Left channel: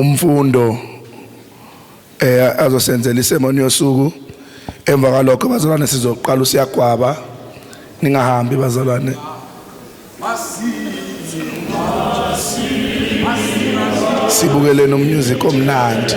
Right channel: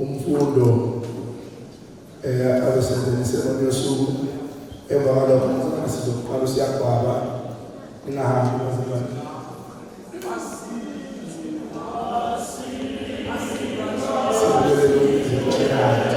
umfundo azosenzela isemoni yosuku. Emva kwalokho bazalwane sizoqala usiyagwaba. Ningahambi bazalwane. Sibukele nomusic omnandi.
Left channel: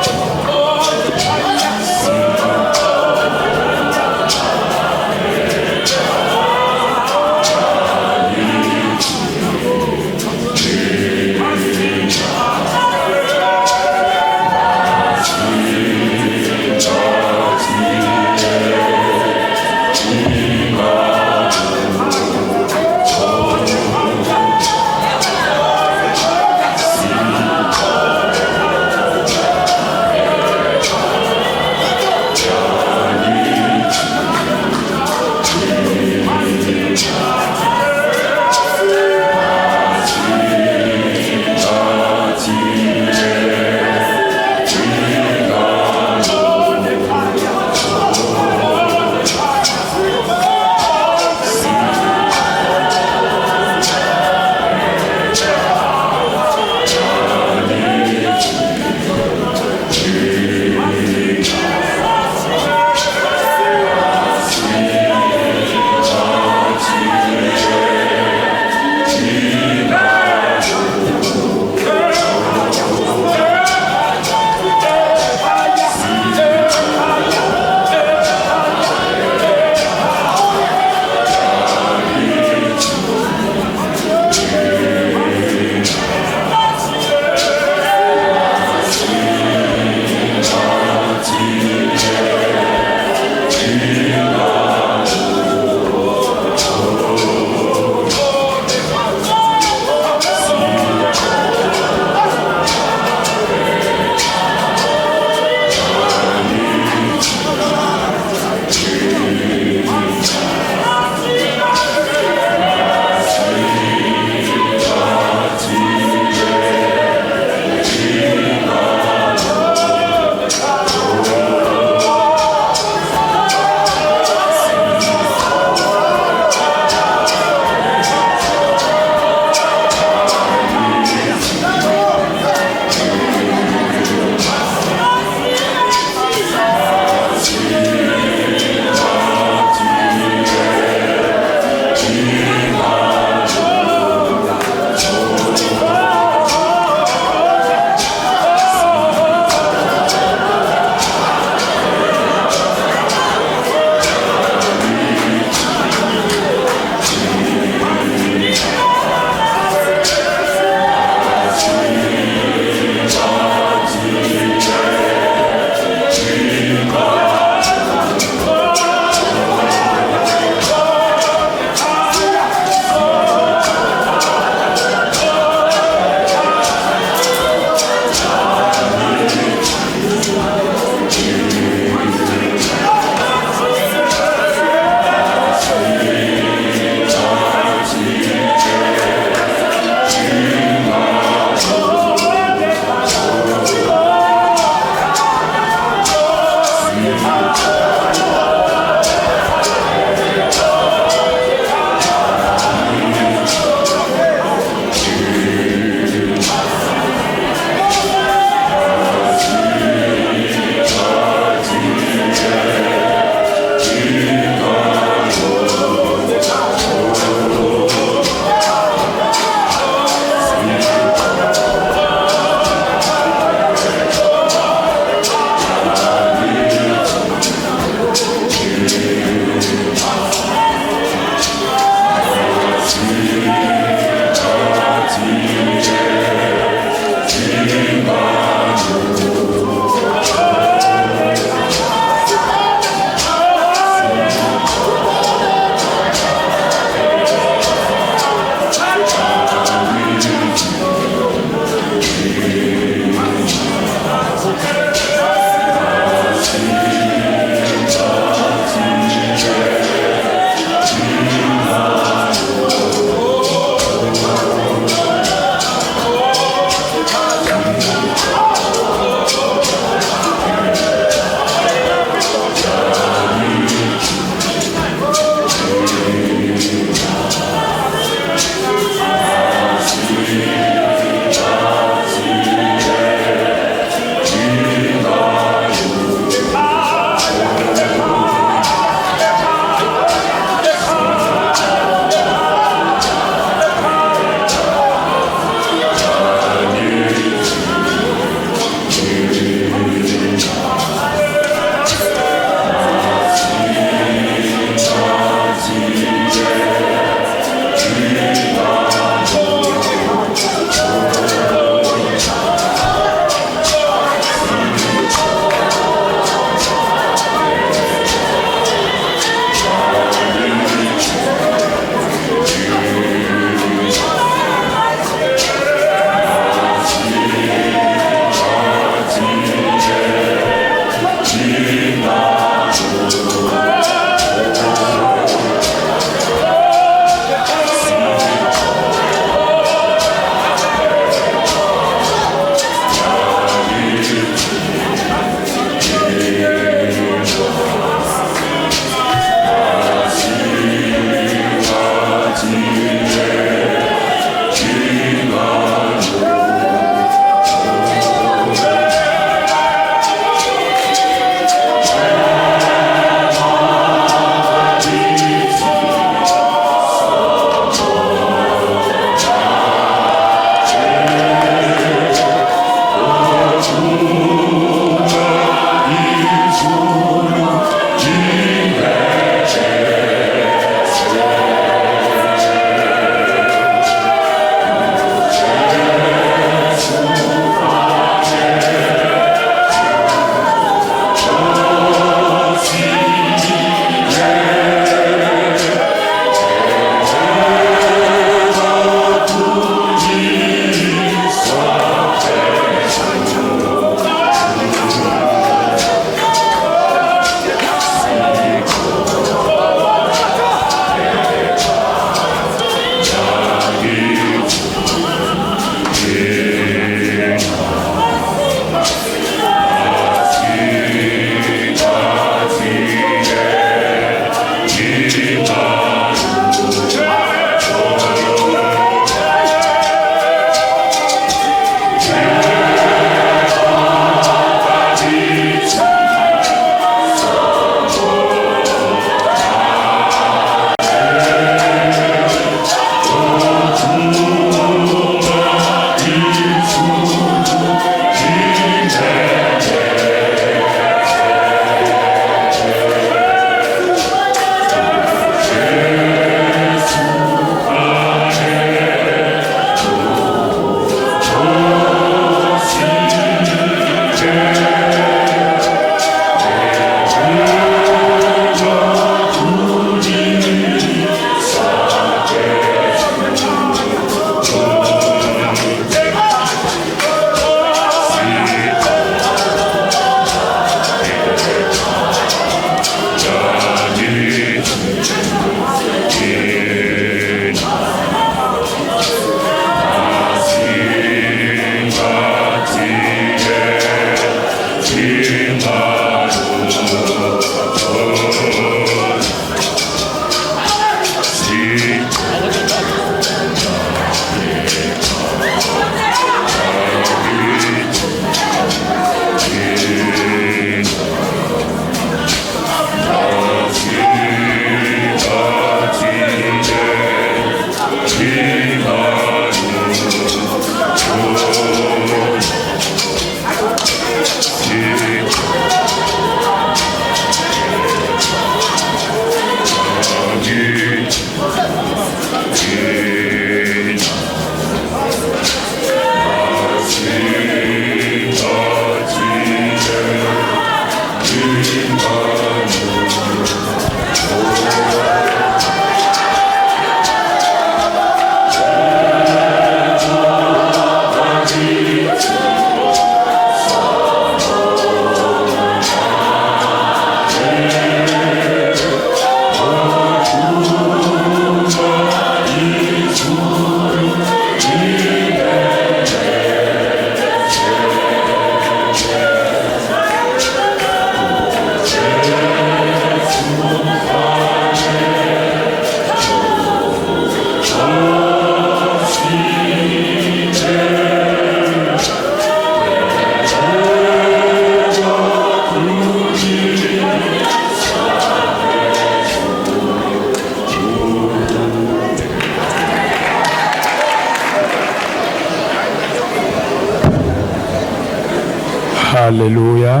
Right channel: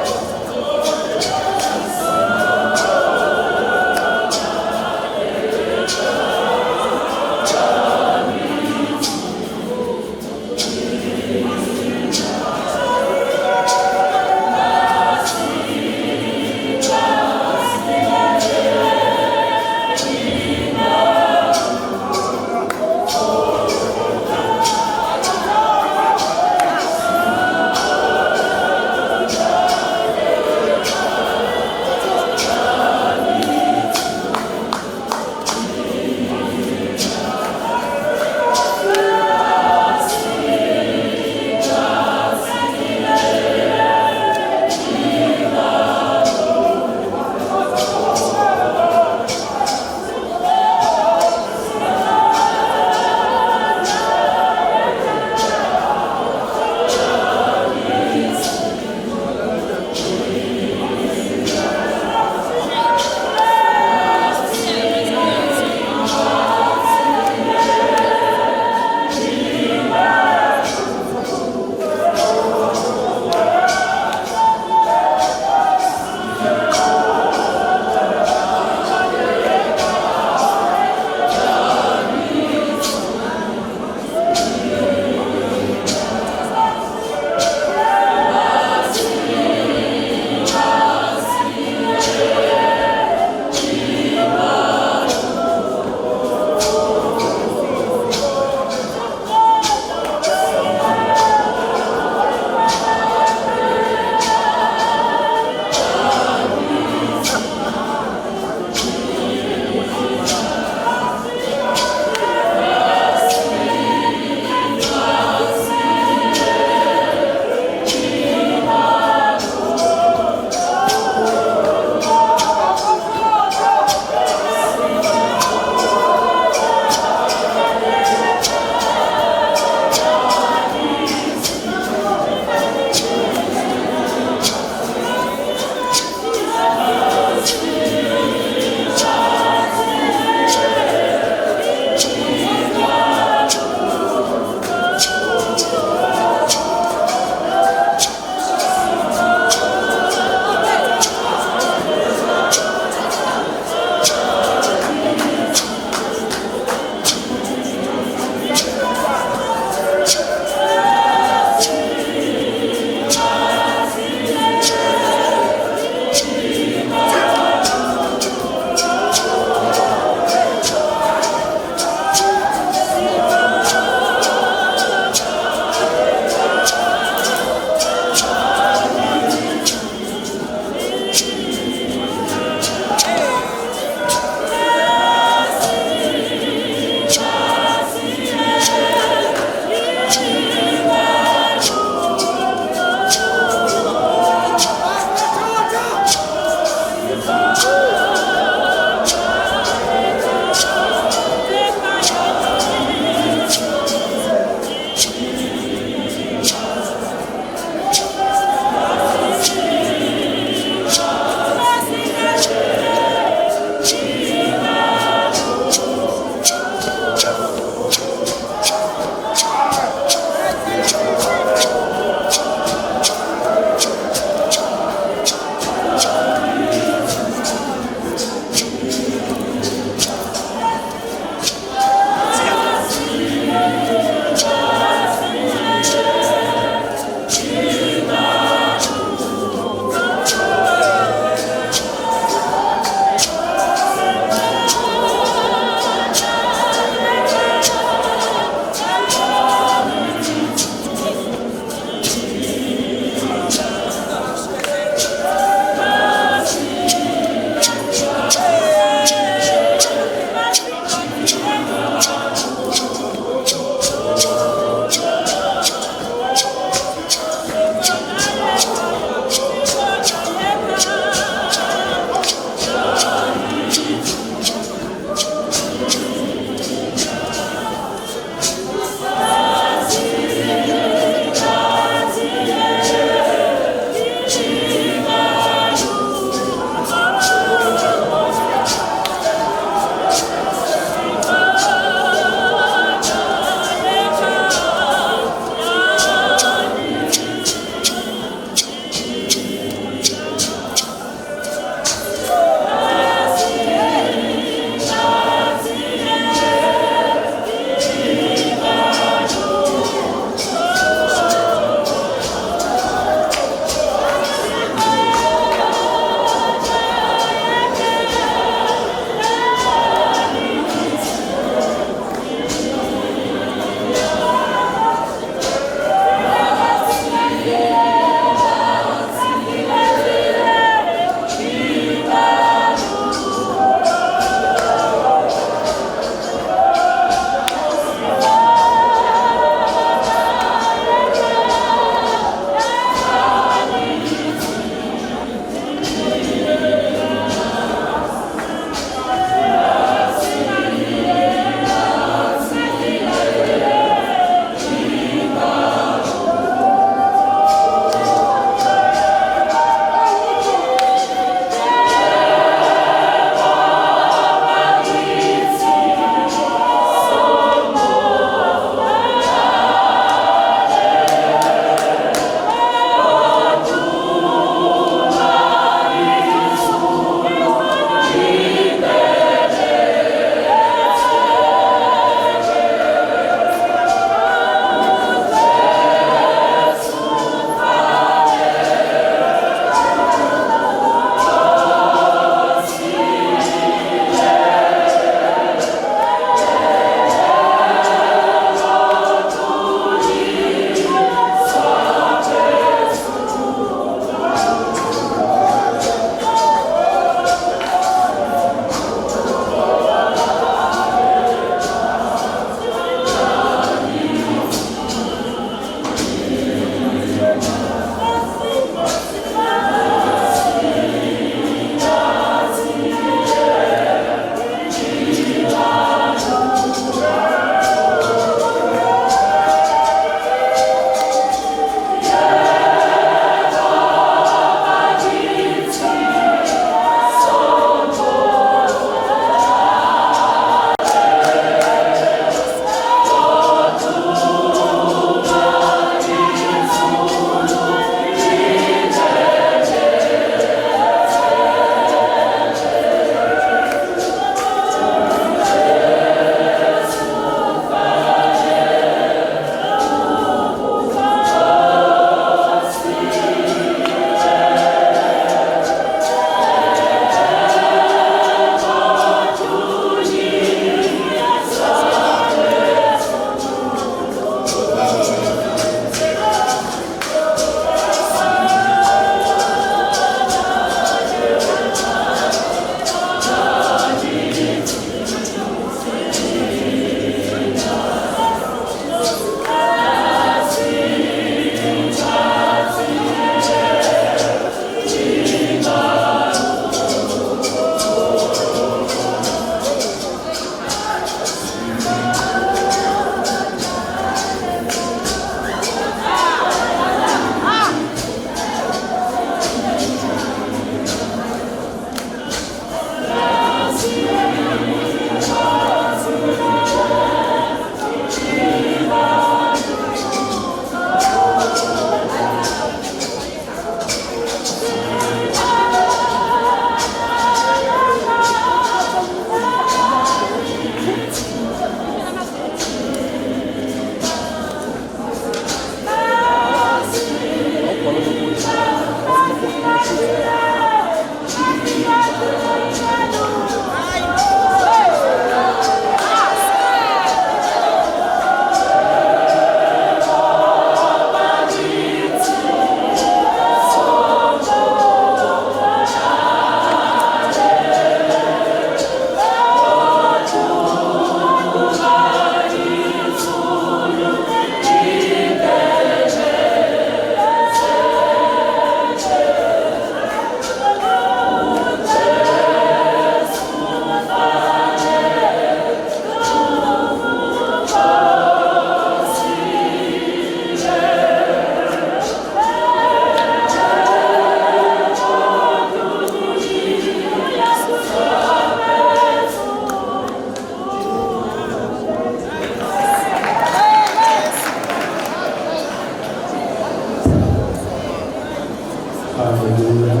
Hallelujah.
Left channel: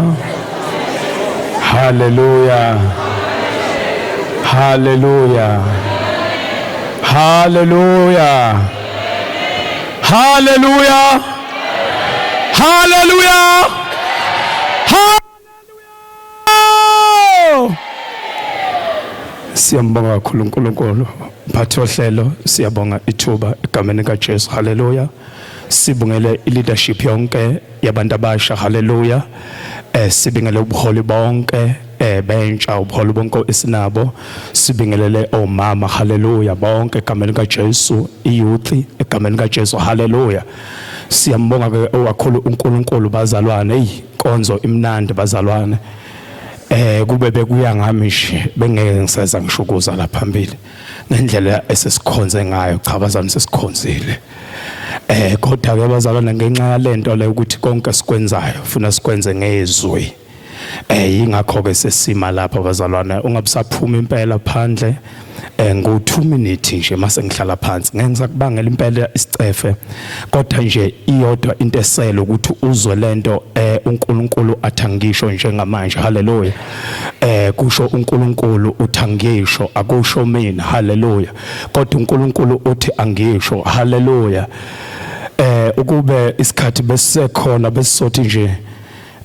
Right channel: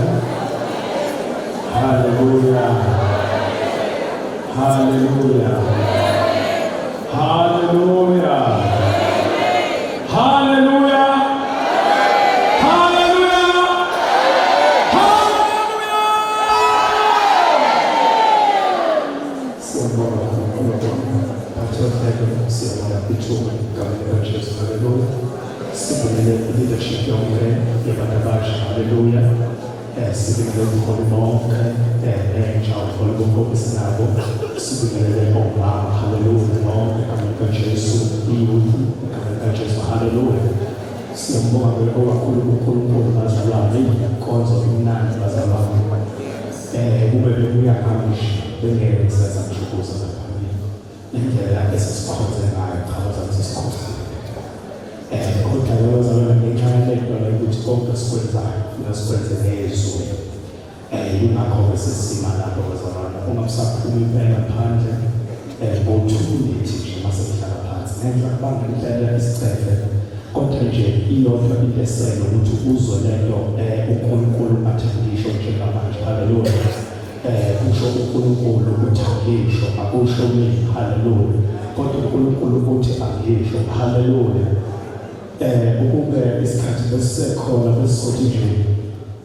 Hallelujah. Hallelujah. Hallelujah. Hallelujah. Hallelujah. Siyambonga kakhulu uNkulunkulu. Mphathi ohlelo siyabonga ithuba egameni kaJesu. Hallelujah. Sibongele leadership yonke yabantu abasha. Hallelujah. Sibingelele ubuholi bonke bentsha ubuholi bonke esinabo. Sibingelele omama. Hallelujah. Bonke egameni kaJesu. Iyouth egameni kaJesu. Hallelujah. Siyambonga ke owakhulu uNkulunkulu bazalwane. Konzo imnandi bazalwane. Kube bekuya ngami nje bengeke ngiseza ngishukuza la phambili ngendlela esesikhonze ngayo cha bazami sesikhonzile kodwa ke bazalwane ngenxa yalento le ukuthi konke sikwenzayo ufuna sikwenze ngezwi ingakho ke sesima lapha bazalwane ungabusaphuma impela phandle ngo2 minutes nje mase ngihlala phansi ngenza kubangela impela isicefe kodwa nje iyodwa into esele ukuthi uzwe lento uNkulunkulu athangisho njengamanje. Hallelujah. Kusho uNkulunkulu uthangisho akusho mina. Hallelujah. Kodwa uNkulunkulu uthi angisho. Hallelujah. Ukube isikhathi besisekhona besisothi nje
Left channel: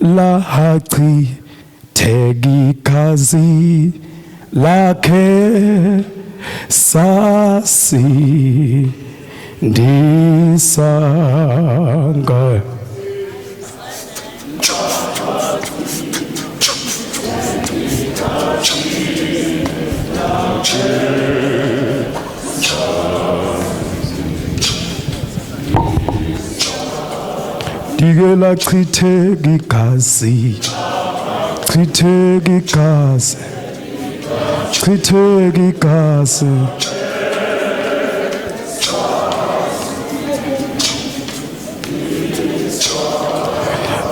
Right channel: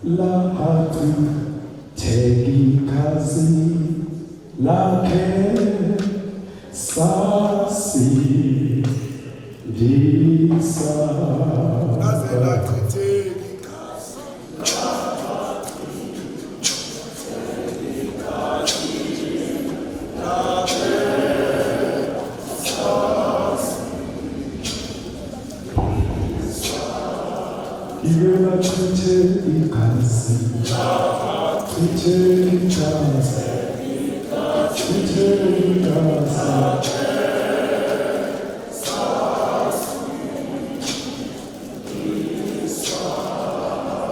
la hachi tegikazi lakhe sasi ndisanga digela chitheke igazi chitheke igazi chitheke igazi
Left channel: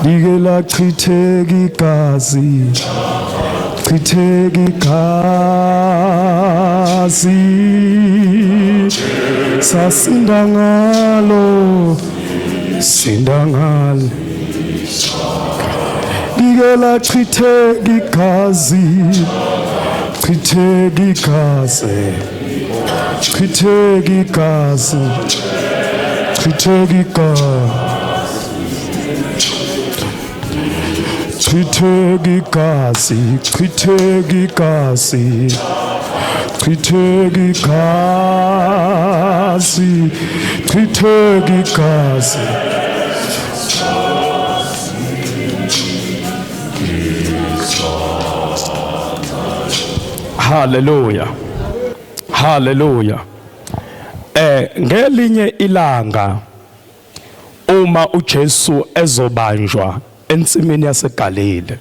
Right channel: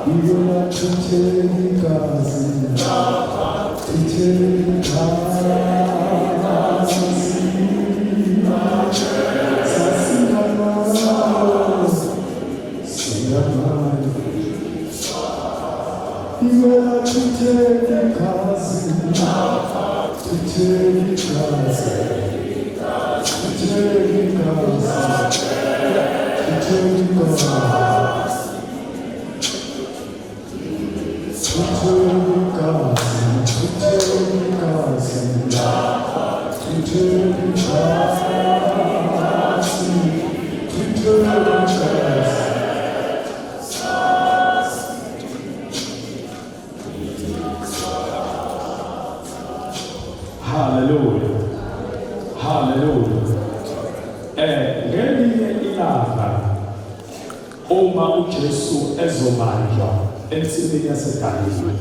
digela chitheke igazi chitheke igazi sasinda ngalo sinda ngalo digela chitheke igazi chitheke igazi chitheke igazi chitheke igazi chitheke igazi chitheke igazi chitheke igazi chitheke igazi Hallelujah. Hallelujah. Ngelinye ilanga uma uJesu ezobanjwa ensimini yaseGalile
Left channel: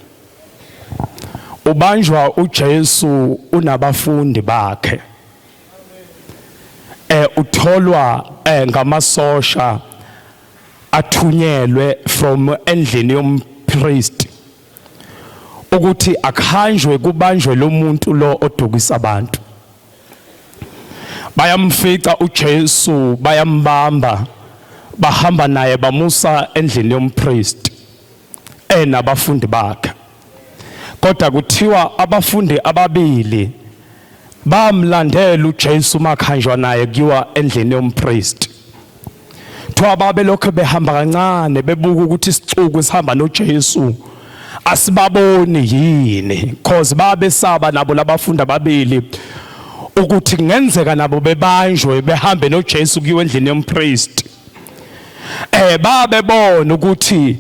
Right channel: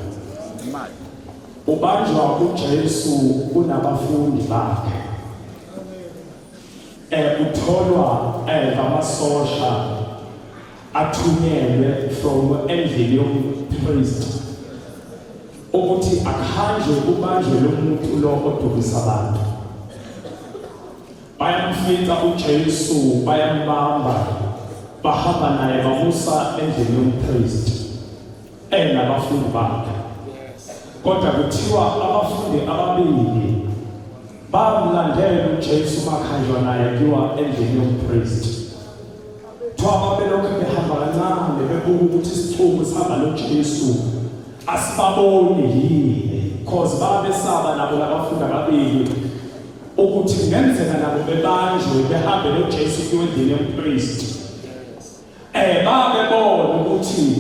ubanjwa uJesu unabafundi bakhe utholwa ngamasosha athunyelwe from endlini yompriest ukuthi akhanjwe kubanjwe lo muntu lo odukisa abantu. Bayamfica uJesu bayambamba bahamba naye bamusa endlini yompriest nabafundi bakhe. Kodwa kuthiwa abafundi ababili bamlandela uJesu makhanjwa naye kuyiwa endlini yompriest. Thoba babe lokho behamba kancane bebuka ukuthi isicuku sihamba noJesu asibaboni yini cause babesaba nabo labafundi ababili ukuthi kungenzeka nabo bebanjwe behambe noJesu kuyiwa endlini yompriest. Babebona ukuthi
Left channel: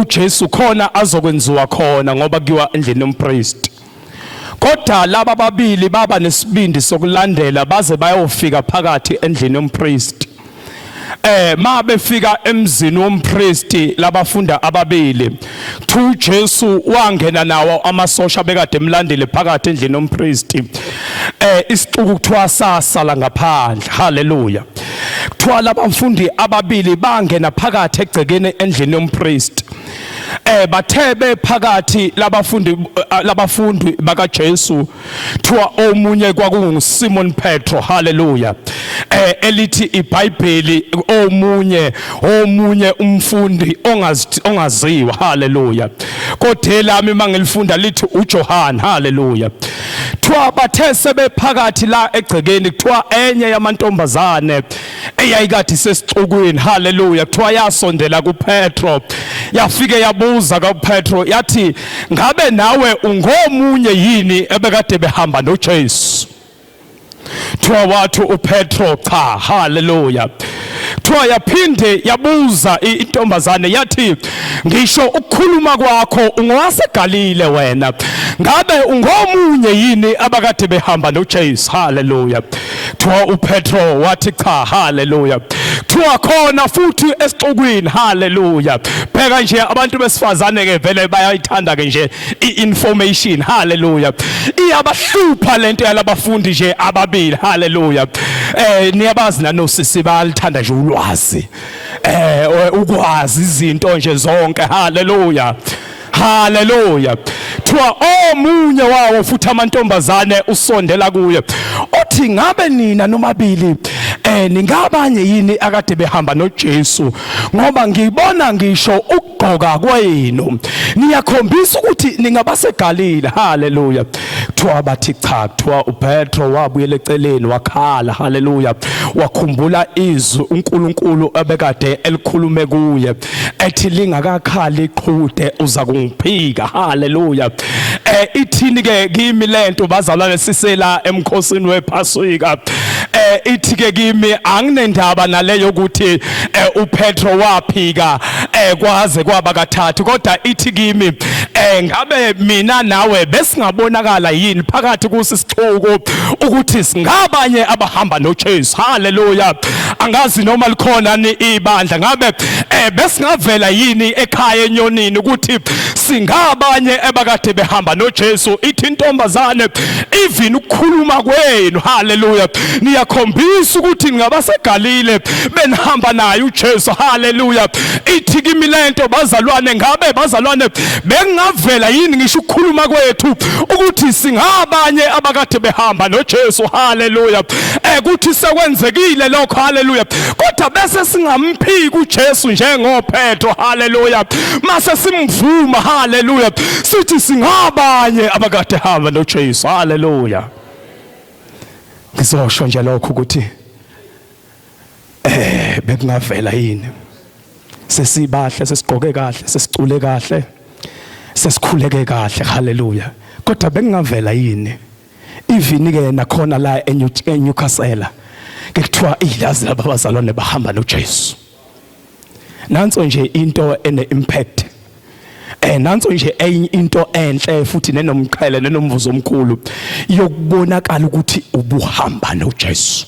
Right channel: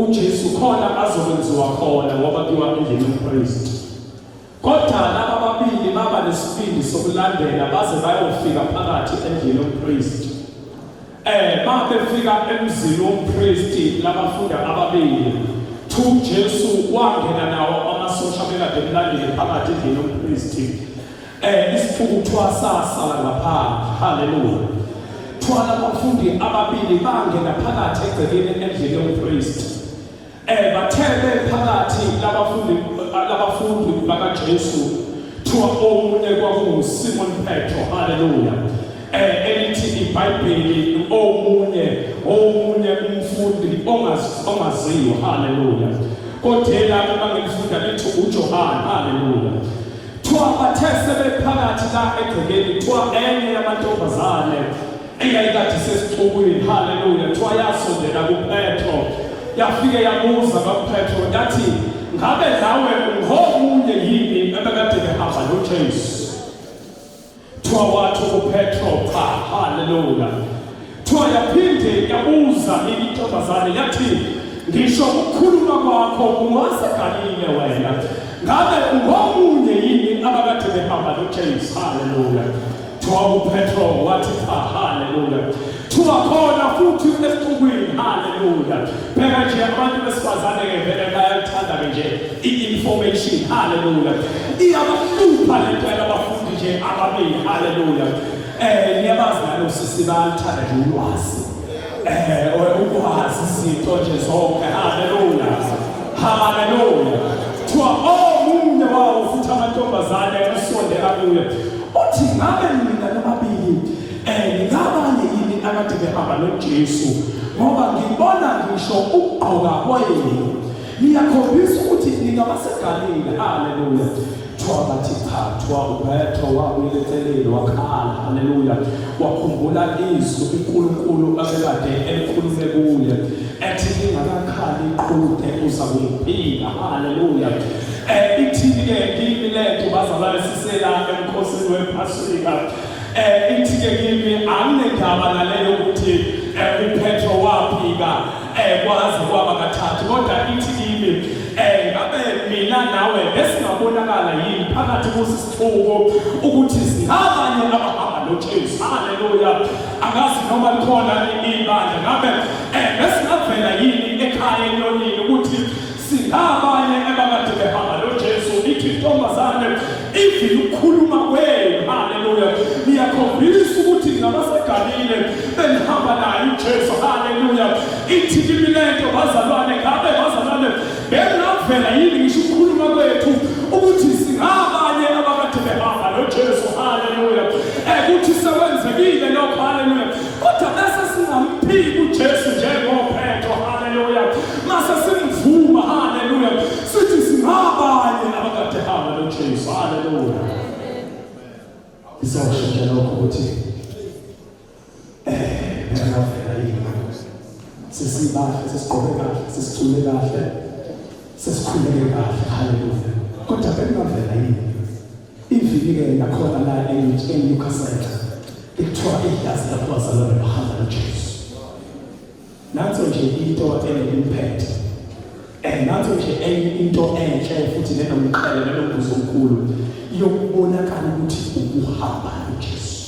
uJesu khona azokwenziwa khona ngoba kuyiwa endlini yompriest. Kodwa laba babili baba nesibindi sokulandela baze bayofika phakathi endlini yompriest. Mabefika emzini wompriest labafunda ababili uJesu wangena nawo amasosha bekade emlandile phakathi endlini yompriest. Isixuku kuthiwa sasala ngaphandle. Hallelujah. Kuthiwa labafundi ababili bangena phakathi egcekeni endlini yompriest. bathebe phakathi labafundi baka Jesu thiwa omunye kwakungu Simon Petro haleluya elithi iBhayibheli omunye umfundi ongaziwa haleluya kodwa lami mangilifunda lithi uJohn haleluya thiwa bathe sebephakathi la egcekeni kuthiwa enye yamantombazane eyayikade sesixukwini haleluya kuthiwa yasondela kuPetro yafike yabuza kaPetro yathi ngabe nawe ungomunye yini ebekade behamba noJesu thiwa wathi uPetro cha haleluya thiwa yaphinde yabuza intombazane yathi ngisho ukukhuluma kwakho ungowaseGalile wena ngabe ungomunye yini abakade behamba noJesu haleluya thiwa uPetro wathi cha haleluya thiwa khona futhi esixukwini haleluya pheka nje abantu besifazane ke vele bayayithanda ke nje iinformation haleluya iyabahlupha lento yalabafundi nje ababili haleluya niyabazi nanosisi bayalithanda nje ulwazi ukwazi izinto nje zonke haleluya haleluya thiwa omunye wawo futhi amantombazane usondela kuye uthi ngabe nina nomabili ningabanye yini akade behamba noJesu ngoba ngibona ngisho ukugqoka kwenu niyakhombisa ukuthi ningabaseGalile haleluya thiwa bathi cha thiwa uPetro wabuyela eceleni wakhala haleluya wakhumbula izwi uNkulunkulu abekade elikhulume kuye ethi lingakakhali iqhude uza kungiphika haleluya ithini ke kimi lento bazalwane sisela emkhosini wePhasika ithi ke kimi anginendaba naleyo ukuthi uPetro waphika kwaze kwaba kathathu kodwa ithi kimi ngabe mina nawe besingabonakala yini phakathi kusisixuku ukuthi singabanye abahamba noJesu haleluya angazi noma likhona ibandla ngabe besingavela yini ekhaya enyonini ukuthi singabanye abakade behamba noJesu ithi intombazane even ukukhuluma kwenu haleluya niyakhombisa ukuthi ngabaseGalile benihamba naye uJesu haleluya ithi kimi lento bazalwane ngabe bazalwane bengavela yini ngisho ukukhuluma kwethu ukuthi singabanye abakade behamba noJesu haleluya ukuthi sekwenzekile lokho haleluya kodwa bese singamphiki uJesu njengoPetro haleluya mase simvuma haleluya sithi singabanye abakade hamba noJesu haleluya ngizosho nje lokho ukuthi bekungavela yini sesibahle sesigqoke kahle sesicule kahle sesikhuleke kahle haleluya kodwa bekungavela yini even ke nakhona la eNewcastle kuthiwa ilazi labazalwane bahamba noJesu nanso nje into ene impact nanso nje into enhle futhi nenomqhele nenomvuzo omkhulu yokubonakala ukuthi ubuhamba noJesu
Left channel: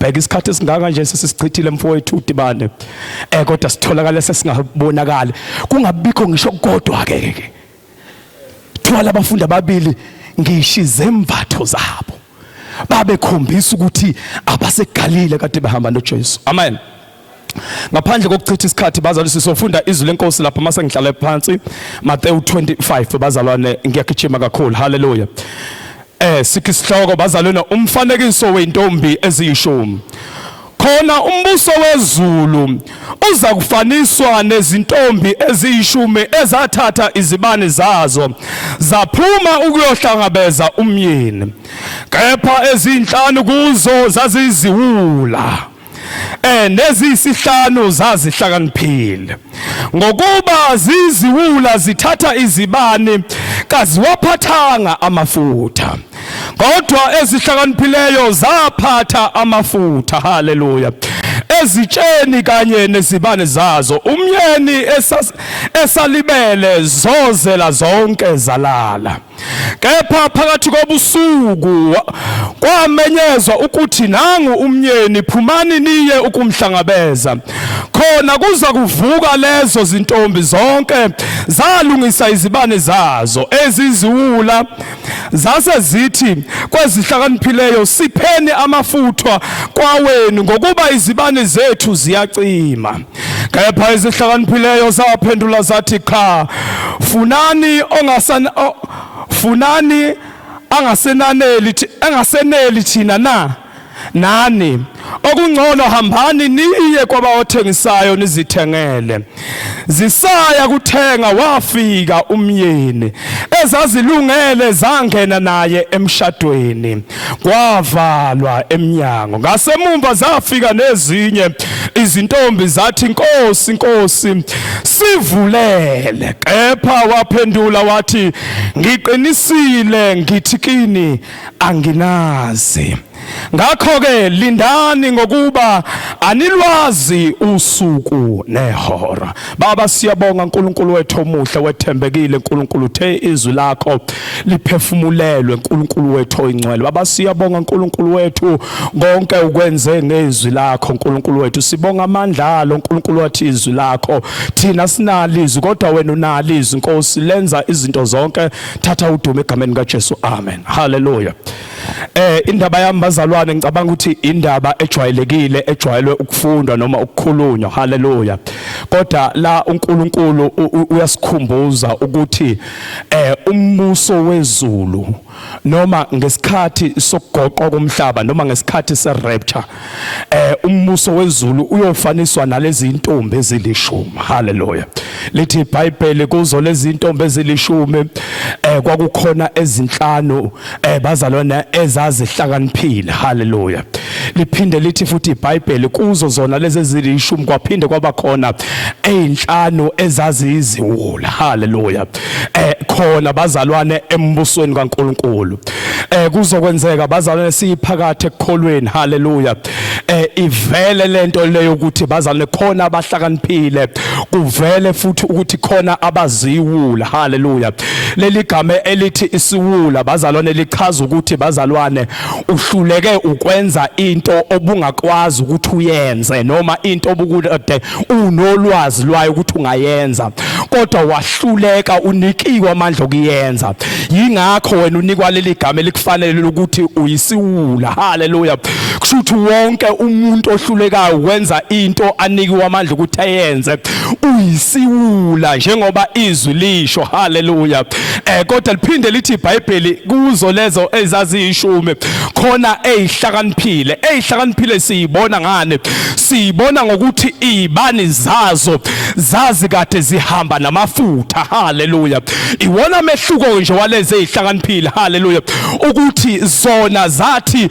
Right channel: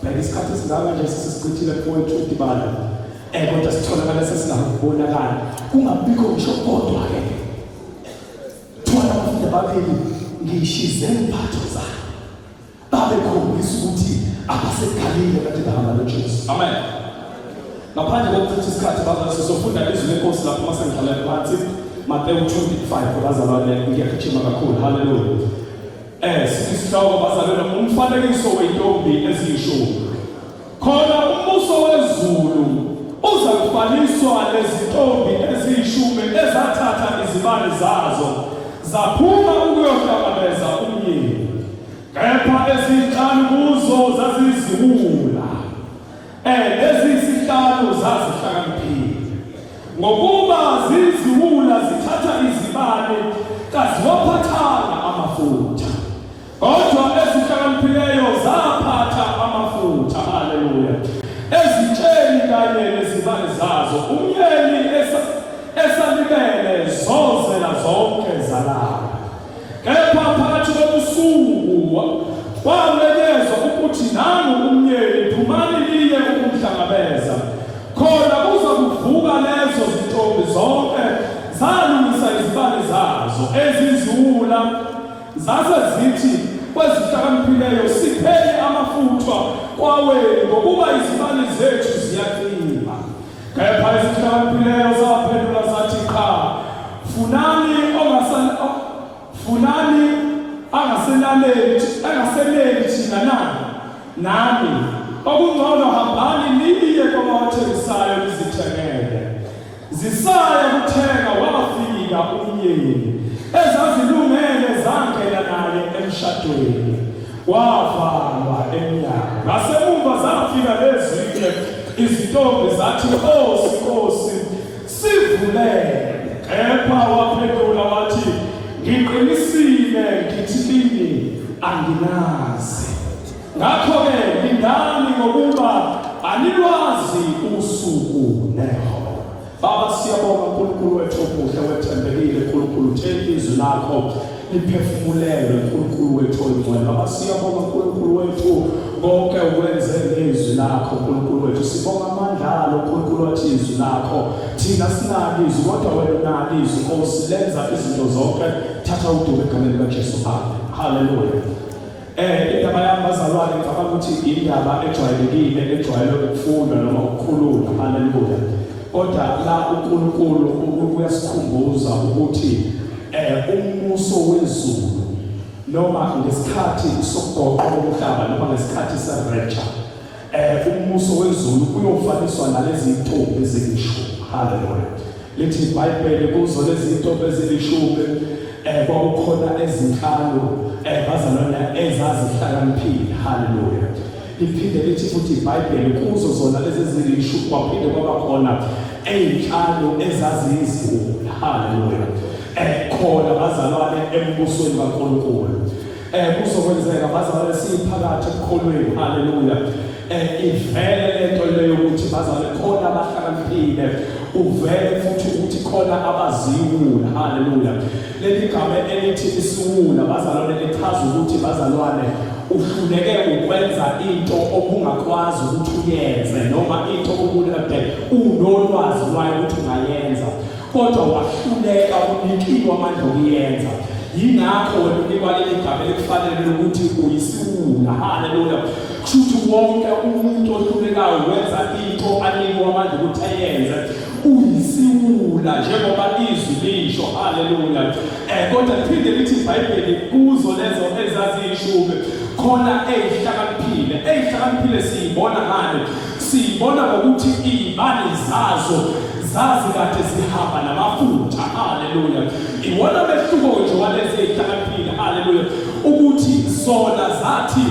bheka isikhathi esingaka nje sesichithile mfowethu udibane kodwa sitholakala sesingabonakala kungabikho ngisho kodwa ke thola abafundi ababili ngishize imbatho zabo babekhombisa ukuthi abaseGalile kade behamba noJesu amen ngaphandle kokuchitha isikhathi bazalwane sisofunda izwi lenkosi lapha mase ngihlala phansi Matthew 25 bazalwane ngiyagijima kakhulu haleluya sithi sihloko bazalwane umfanekiso wentombi eziyishumi khona umbuso wezulu uza kufaniswa nezintombi eziyishumi ezathatha izibane zazo zaphuma ukuyohlangabeza umyeni kepha ezinhlanu kuzo zaziziwula nezisihlanu zazihlakaniphile ngokuba ziziwula zithatha izibane kaziwaphathanga amafutha kodwa ezihlakaniphileyo zaphatha amafutha haleluya ezitsheni kanye nezibane zazo umyeni esalibele zozela zonke zalala kepha phakathi kobusuku kwamenyezwa ukuthi nangu umyeni phumani niye ukumhlangabeza khona kuza kuvuka lezo zintombi zonke zalungisa izibane zazo eziziwula zase zithi kwezihlakaniphileyo sipheni amafutha kwawenu ngokuba izibane zethu ziyacima. Kepha izihlakaniphileyo zaphendula zathi cha, funani angaseneli thina na nani, okungcono hambani niye kwabathengisayo nizithengele. Zisaya kuthenga wafika umyeni, ezazilungele zangena naye emshadweni, kwavalwa emnyango. Ngasemumva zafika nezinye izintombi zathi, Nkosi, Nkosi, sivulele. Kepha waphendula wathi, ngiqinisile ngithi kini anginazi. Ngakho-ke lindani ngokuba anilwazi usuku nehora. Baba, siyabonga uNkulunkulu wethu omuhle wethembekile. uNkulunkulu uthe izwi lakho liphefumulelwe. uNkulunkulu wethu oyingcwele, Baba, siyabonga uNkulunkulu wethu konke ukwenze ngezwi lakho. uNkulunkulu wethu sibonga amandla alo. uNkulunkulu wathi izwi lakho thina sinalo izwi kodwa wena unalo izwi. Nkosi, lenza izinto zonke, thatha udumo egameni kaJesu, amen, haleluya. Indaba yami bazalwane, ngicabanga ukuthi indaba ejwayelekile, ejwayelwe ukufundwa noma ukukhulunywa, haleluya. Kodwa la uNkulunkulu uyasikhumbuza ukuthi umbuso wezulu noma ngesikhathi sokugoqwa komhlaba noma ngesikhathi serapture, umbuso wezulu uyofaniswa nalezi intombi ezilishumi, haleluya. Lithi iBhayibheli kuzo lezi intombi ezilishumi kwakukhona ezinhlanu bazalwana ezazihlakaniphile, haleluya. Liphinde lithi futhi iBhayibheli kuzo zona lezi ezilishumi kwaphinde kwaba khona ezinhlanu ezaziyiziwula, haleluya. Khona bazalwane embusweni kaNkulunkulu kuzokwenzeka bazalwane siphakathi ekukholweni, haleluya. Ivele lento leyo ukuthi bazalwane khona abahlakaniphile, kuvele futhi ukuthi khona abaziwula, haleluya. Leli gama elithi isiwula bazalwane lichaza ukuthi bazalwane uhluleke ukwenza into obungakwazi ukuthi uyenze noma into obukude unolwazi lwayo ukuthi ungayenza kodwa wahluleka, unikiwe amandla okuyenza. Yingakho wena unikwa leli gama elikufanele ukuthi uyisiwula, haleluya. Kushuthi wonke umuntu ohlulekayo wenza into anikiwe amandla ukuthi ayenze uyisiwula njengoba izwi lisho, haleluya. Kodwa liphinde lithi iBhayibheli kuzo lezo ezaziyishumi khona ezihlakaniphile siyibona ngane, siyibona ngokuthi izibani zazo zazi kade zihamba namafutha, haleluya. Iwona mehluko nje walezi ezihlakaniphile, haleluya, ukuthi zona zathi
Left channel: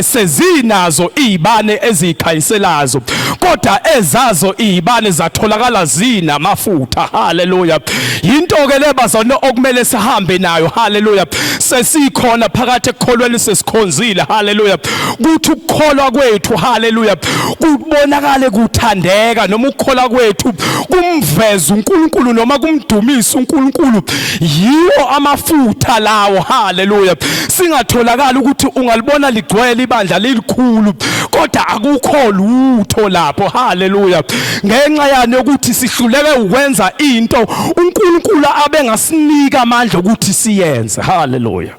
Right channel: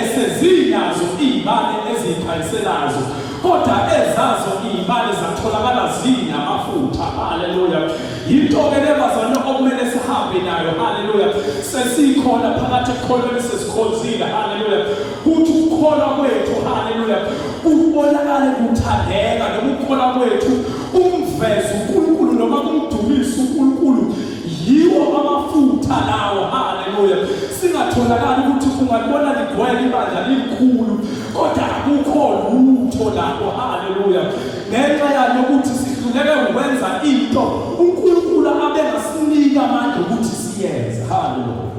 sezinazo izibane ezikhayiselazo kodwa ezazo izibane zatholakala zinamafutha, haleluya. Into ke lebazana okumele sihambe nayo, haleluya. Sesikhona phakathi ekukholweni sesikhonzile, haleluya. Kuthi ukukholwa kwethu, haleluya, kubonakale kuthandeka noma ukukholwa kwethu kumveza uNkulunkulu noma kumdumisa uNkulunkulu, yiwo amafutha lawo, haleluya. Singatholakala ukuthi ungalibona ligcwele ibandla lelikhulu kodwa akukho lutho lapho, haleluya. Ngenxa yani ukuthi sihluleke ukwenza into uNkulunkulu abengasinika amandla ukuthi siyenze, haleluya.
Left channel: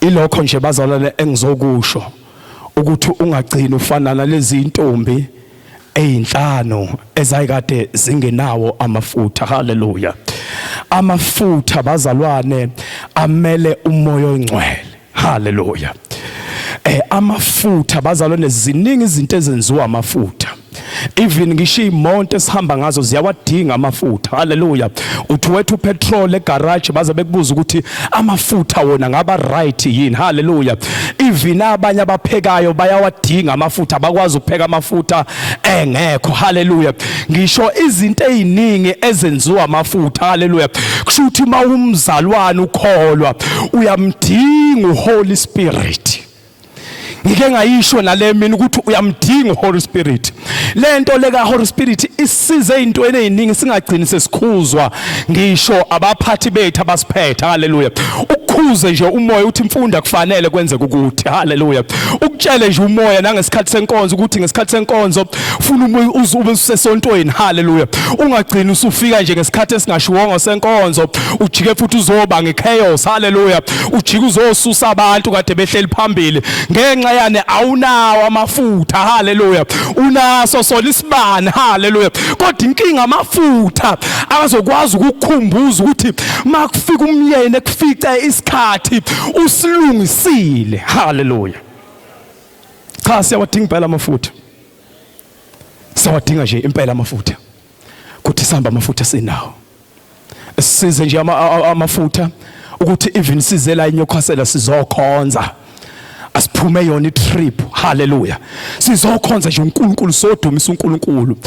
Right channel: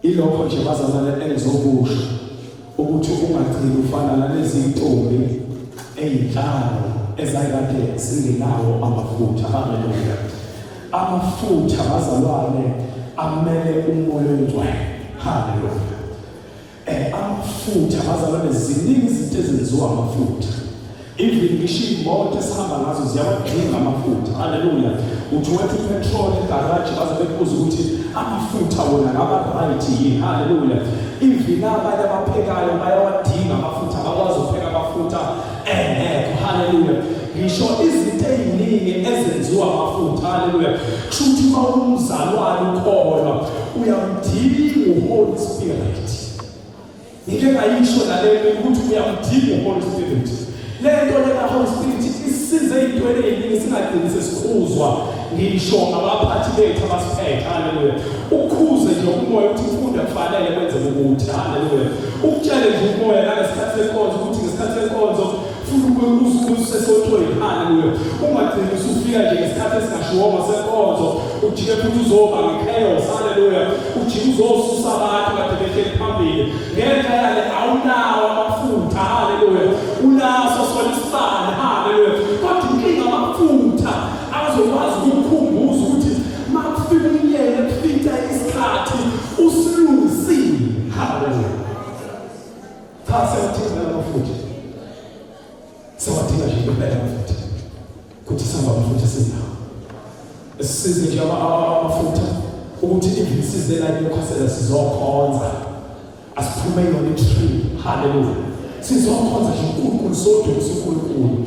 Ilokho nje bazalwane engizokusho ukuthi ungagcini ufana nalezi intombi ezinhlanu ezayikade zingenawo amafutha, haleluya. Amafutha bazalwane amele umoya oyingcwele, haleluya. Amafutha bazalwane ziningi izinto ezenziwa amafutha. Even ngisho imonto esihamba ngazo ziyawadinga amafutha, haleluya. Uthi wethu upetrol egarage baze bekubuza ukuthi amafutha wona ngaba right yini, haleluya. Even abanye abaphekayo bayawadinga amafutha, bakwazi ukupheka amafutha engekho, haleluya. Ngisho izinto eziningi ezenziwa amafutha, haleluya. Kusho ukuthi mawumzalwane ukholwa uyamdinga uHoly Spirit. ngike ngayisho nale mina ukuthi uyamdinga uHoly Spirit. Lento leka Holy Spirit isize ezintweni eziningi singagcini sesikhuzwa ngisho abaphathi bethu abasiphethe. Haleluya. Ukukhuze nje umoya uthi imfunda kufanele kwenze ukuthi. Haleluya. Ukutshele nje umoya nangesikhathi senkonzo ukuthi ngesikhathi senkonzo ufuna ube usesontweni. Haleluya. Ungagcini usufika nje ngesikhathi esingashiwongo senkonzo ujike futhi uzoba ngechaos. Haleluya. Ujike uzosusa abantu kade behleli phambili ngenxa yane awunawo amafutha. Haleluya. Unaso sona isibani. Haleluya. Kodwa inkinga amafutha azokwazi ukukukhumbuza ukuthi makufika umyeni kufica isikhathi usilungisile. Haleluya. Cha siyawadinga impela amafutha. Siyawadinga nje impela amafutha. Kuthi sihamba amafutha sinawo. Size nje amafutha ukuthi even sizela iNewcastle sizokhonza. Asiphume yona itrip. Haleluya. Sizokhonza nje uNkulunkulu sodumisa uNkulunkulu.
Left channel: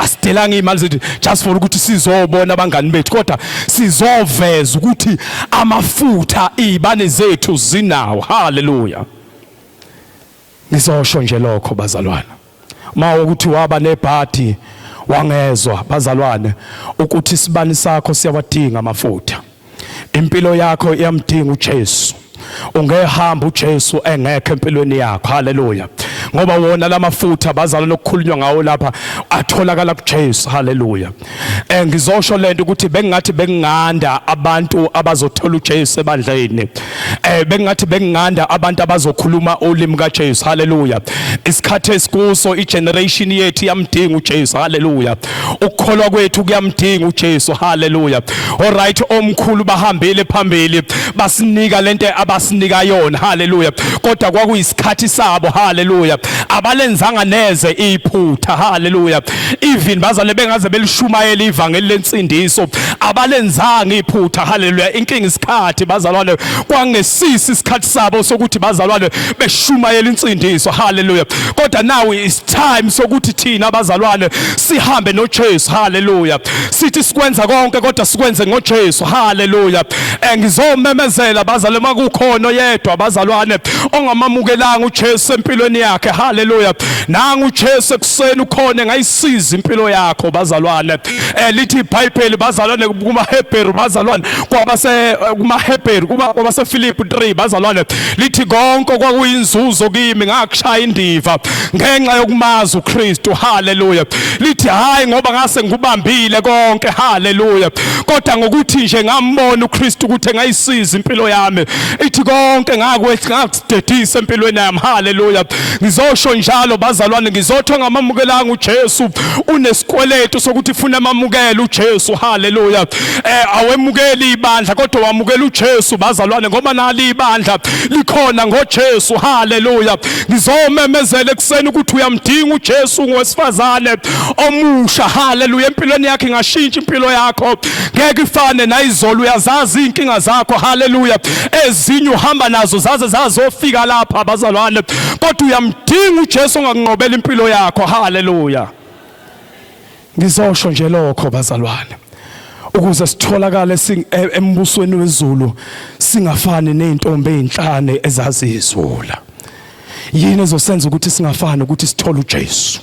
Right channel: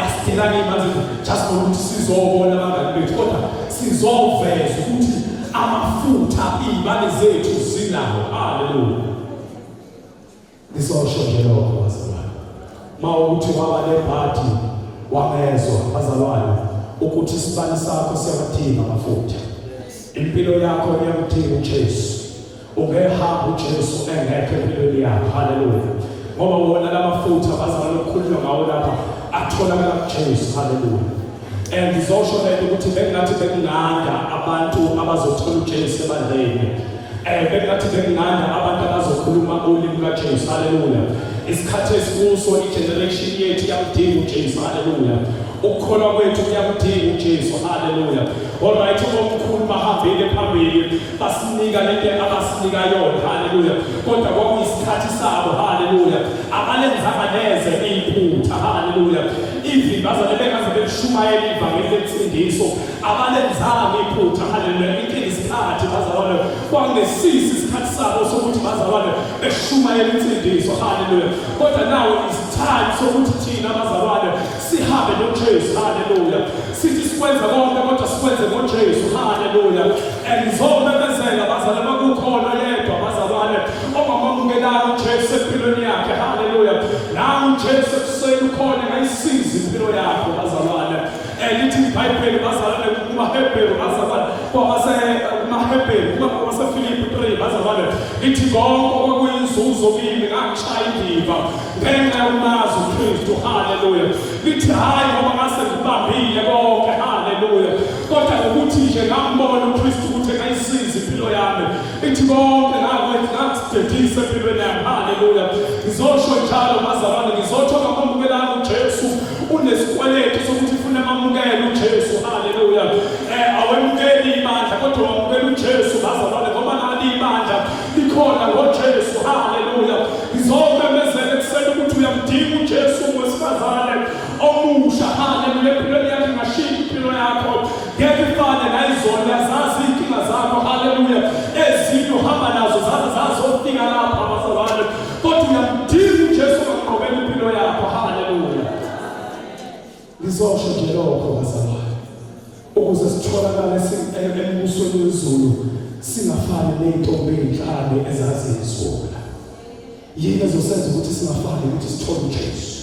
Asidelanga imali zethu just for ukuthi sizobona abangani bethu kodwa sizoveza ukuthi amafutha izibane zethu zinawo. Haleluya. Ngizosho nje lokho bazalwane. Uma ukuthi waba nebhadi wangezwa bazalwane ukuthi isibani sakho siyawadinga amafutha. Impilo yakho iyamdinga uJesu. Ungehamba uJesu engekho empilweni yakho. Haleluya. Ngoba wona lamafutha bazalwane okukhulunywa ngawo lapha atholakala kuJesu. Haleluya. Ngizosho lento ukuthi bengathi benginganda abantu abazothola uJesu ebandleni. Bengathi benginganda abantu abazokhuluma ulimi kaJesu. Haleluya. Isikhathi esikuso igeneration yethu yamdinga uJesu. Haleluya. Ukukholwa kwethu kuyamdinga uJesu. Haleluya. Alright, omkhulu bahambile phambili basinika lento abasinika yona. Haleluya. Kodwa kwakuyisikhathi sabo. Haleluya. Abalenzanga neze iphutha. Haleluya. Even bazale bengaze belishumayela ivangeli lensindiso abalenzanga iphutha. Haleluya. Inkinga isikhathi bazalwane kwangesisi isikhathi sabo sokuthi bazalwane beshumayela insindiso. Haleluya. Kodwa now is time sokuthi thina bazalwane sihambe noJesu. Haleluya. Sithi sikwenza konke kodwa sikwenze ngoJesu. Haleluya. Ngizomemezela bazalwane makukhona yedwa bazalwane ongamamukelanga uJesu empilweni yakhe. Haleluya. Nangu uJesu ekuseni ukhona ngayisiza impilo yakho bazalwane. Lithi iBhayibheli bazalwane kumaHebheru bazalwane kumaHebheru kwabaseFilipi 3 bazalwane lithi konke kwakuyinzuzo kimi ngakushaya indiva ngenxa yokumazi uKristu. Haleluya. Lithi hayi ngoba ngase ngikubambile konke. Haleluya. Kodwa ngokuthi nje ngambona uKristu ukuthi ngayisiza impilo yami ithi konke ngakusidedisa empilweni yami. Haleluya. Ngizosho njalo bazalwane ngizothi ngamamukelanga uJesu unesikweletu sokuthi ufuna amamukele uJesu. Haleluya. Awemukeli ibandla kodwa wamukela uJesu bazalwane ngoba nali ibandla likhona ngoJesu. Haleluya. Ngizomemezela ekseni ukuthi uyamdinga uJesu ngowesifazane omusha. Haleluya. Empilweni yakhe ngashintsha impilo yakho ngeke ifane nayizolo. Uyazazi inkinga zakho. Haleluya. Ezinye uhamba nazo zaze zazofika lapha bazalwane kodwa uyamdinga uJesu ongakunqobela impilo yakho. Haleluya. Ngizosho nje lokho bazalwane ukuze sitholakale embusweni wezulu singafani nezintombi ezinhlane ezazizula. Yini ezosenza ukuthi singafani ukuthi sithole uJesu?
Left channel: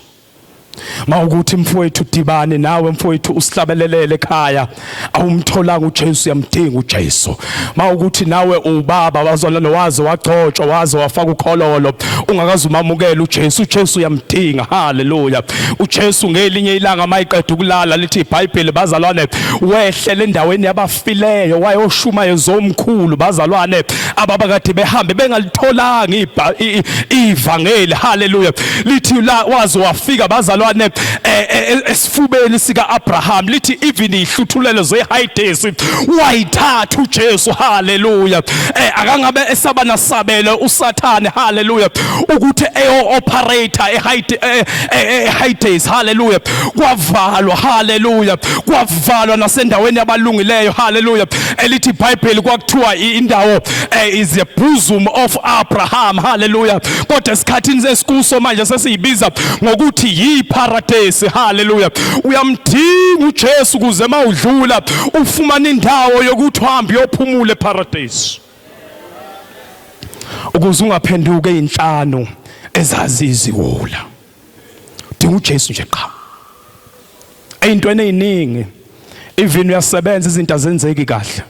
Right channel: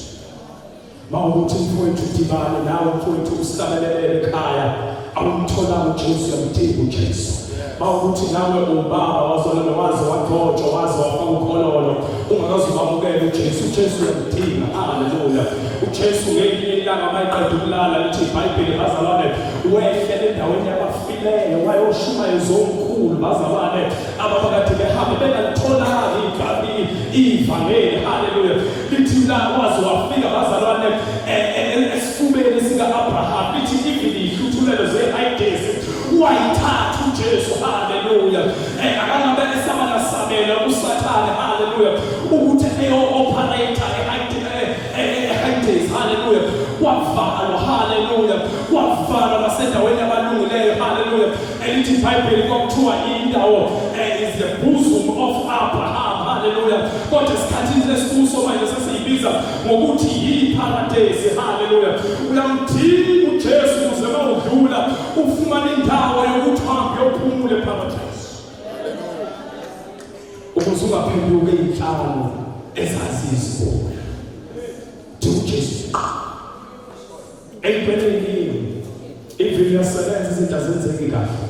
Mawukuthi mfowethu udibane nawe mfowethu usihlabelelele ekhaya awumthola uJesu yamdinga uJesu. Mawukuthi nawe ubaba bazalwane waze wagcotshwa waze wafaka ukhololo ungakazi umamukela uJesu. uJesu yamdinga. Haleluya. uJesu ngelinye ilanga mayiqeda ukulala lithi iBhayibheli bazalwane wehlele endaweni yabafileyo wayoshuma yezomkhulu bazalwane ababakade behambe bengalitholanga ivangeli. Haleluya. Lithi waze wafika bazalwane esifubeni sika Abraham. Lithi even ihluthulelo zeHades wayithatha uJesu. Haleluya. Akangabe esaba nasabele uSathane. Haleluya. ukuthi operator eHades. Haleluya. Kwavalwa. Haleluya. Kwavalwa nasendaweni yabalungileyo. Haleluya. Elithi iBhayibheli kwakuthiwa indawo is the bosom of Abraham. Haleluya. Kodwa esikhathini sesikuso manje sesiyibiza ngokuthi yiparadise. Haleluya. Uyamdinga uJesu kuze mawudlula ufumana indawo yokuthi uhambe uyophumula eparadise. Ukuze ungaphenduke inhlano ezazi iziwula dinga uJesu nje qha eyintweni eziningi even uyasebenza izinto azenzeki kahle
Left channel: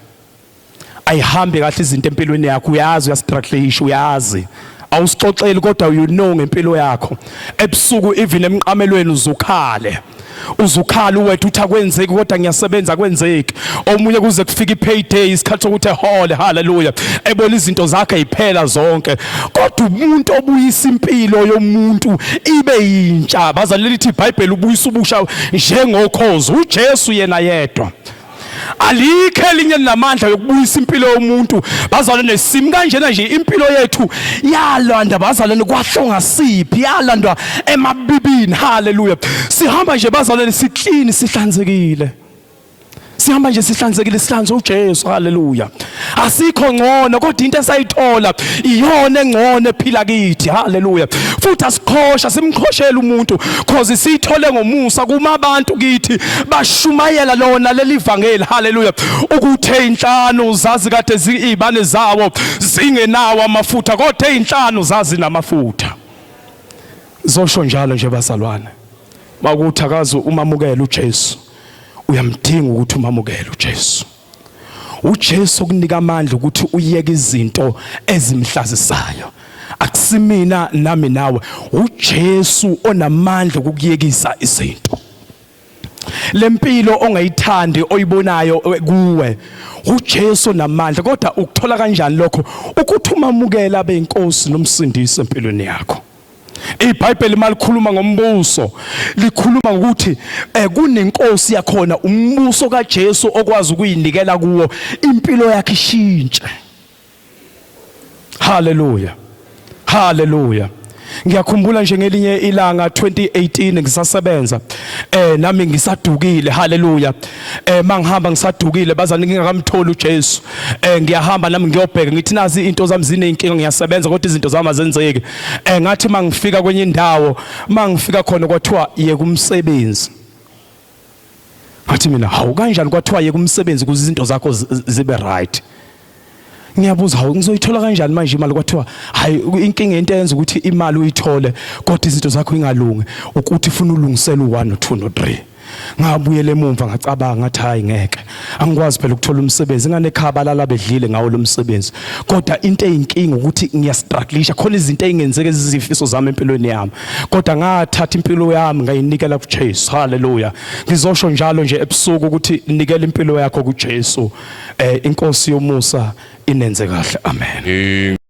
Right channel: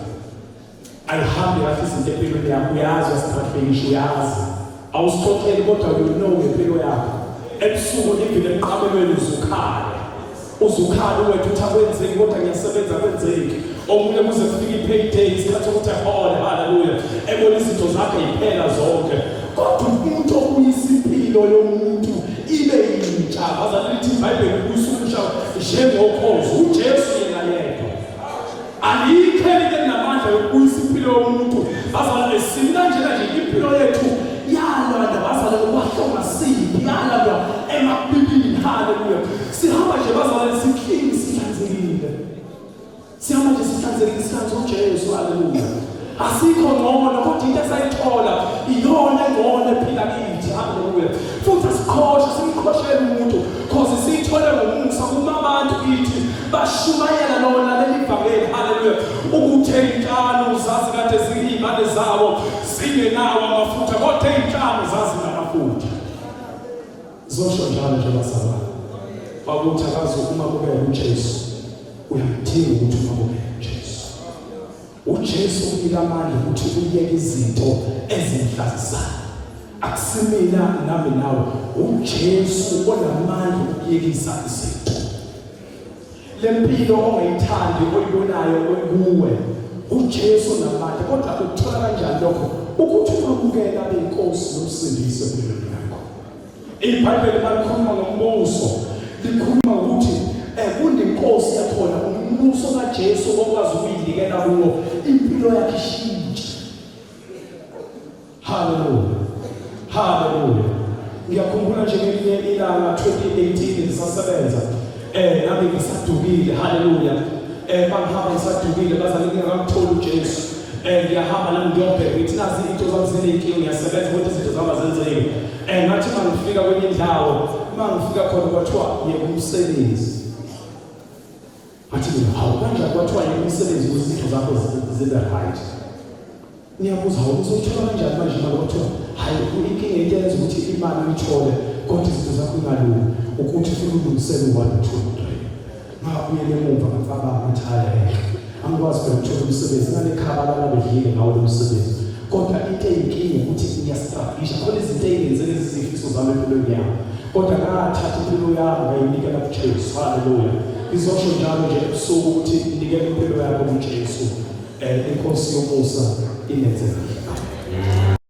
ayihambi kahle izinto empilweni yakho uyazi uyastruggle uyazi awusixoxeli kodwa you know ngempilo yakho ebusuku even emqamelweni uzukhala wethu uthi akwenzeki kodwa ngiyasebenza kwenzeki omunye kuze kufika ipayday isikhathi sokuthi ehole haleluya ebona izinto zakhe iphela zonke kodwa umuntu obuyisa impilo yomuntu ibe yintsha bazaleli lithi iBhayibheli ubuyisa ubusha njengokhozi uJesu yena yedwa alikho elinye namandla yokubuyisa impilo yomuntu bazalwane simi kanjena nje impilo yethu yalanda bazalwane kwahlonga siphi yalandwa emabibini haleluya sihamba nje bazalwane siclean sihlanzekile sihamba nje sihlanzekile sihlanze uJesu haleluya asikho ngcono kodwa into esayithola iyona engcono ephila kithi haleluya futhi asikhosha simkhoshela umuntu cause siyithole ngomusa kuma abantu kithi bashumayela lona leli vangeli haleluya ukuthi einhlanu zazi kade zibane zawo zingenawo amafutha kodwa einhlanu zazi namafutha zosho njalo nje bazalwane bakuthi akazi umamukela uJesu uyamdinga ukuthi umamukele uJesu uJesu kunika amandla ukuthi uyeke izinto ezimhlazisayo akusimina nami nawe uJesu onamandla ukuyekisa izinto lempilo ongayithandi oyibonayo kuwe uJesu namandla kodwa ukuthola kanjani lokho ukuthi umamukela abe inkosi nomsindisi empilweni yakho iBhayibheli malikhuluma ngombuso likhuluma ukuthi kunenkosi yakhona umbuso kaJesu okwazi ukuyinikela kuwo impilo yakhe ishintshe haleluya haleluya ngiyakhumbula nje ngelinye ilanga 2018 ngisasebenza nami ngisadukile haleluya mangihamba ngisadukile bazani ngingakamtholi uJesu ngiyahamba nami ngiyobheka ngithi nazi into zami zinenkinga ngiyasebenza kodwa izinto zami azenzeki ngathi mangifika kwenye indawo mangifika khona kwathiwa yeke umsebenzi ngathi mina hawu kanjani kwathiwa yeke umsebenzi ukuze izinto zakho zibe right ngiyabuza hawu ngizoyithola kanjani manje imali kwathiwa hayi inkinga into eyenza ukuthi imali uyithole kodwa izinto zakho ingalungi ukuthi ufuna ulungisela u1 no2 no3 ngabuyele emuva ngacabanga ngathi hayi ngeke angikwazi phela ukuthola umsebenzi nganekhaba lala bedlile ngawo lo msebenzi kodwa into eyinkinga ukuthi ngiyastrugglisha khona izinto ezingenzeke izifiso zami empilweni yami kodwa ngathatha impilo yami ngayinikela kuJesu haleluya ngizosho njalo nje ebusuku ukuthi nikela impilo yakho kuJesu inkosi yomusa inenze kahle amen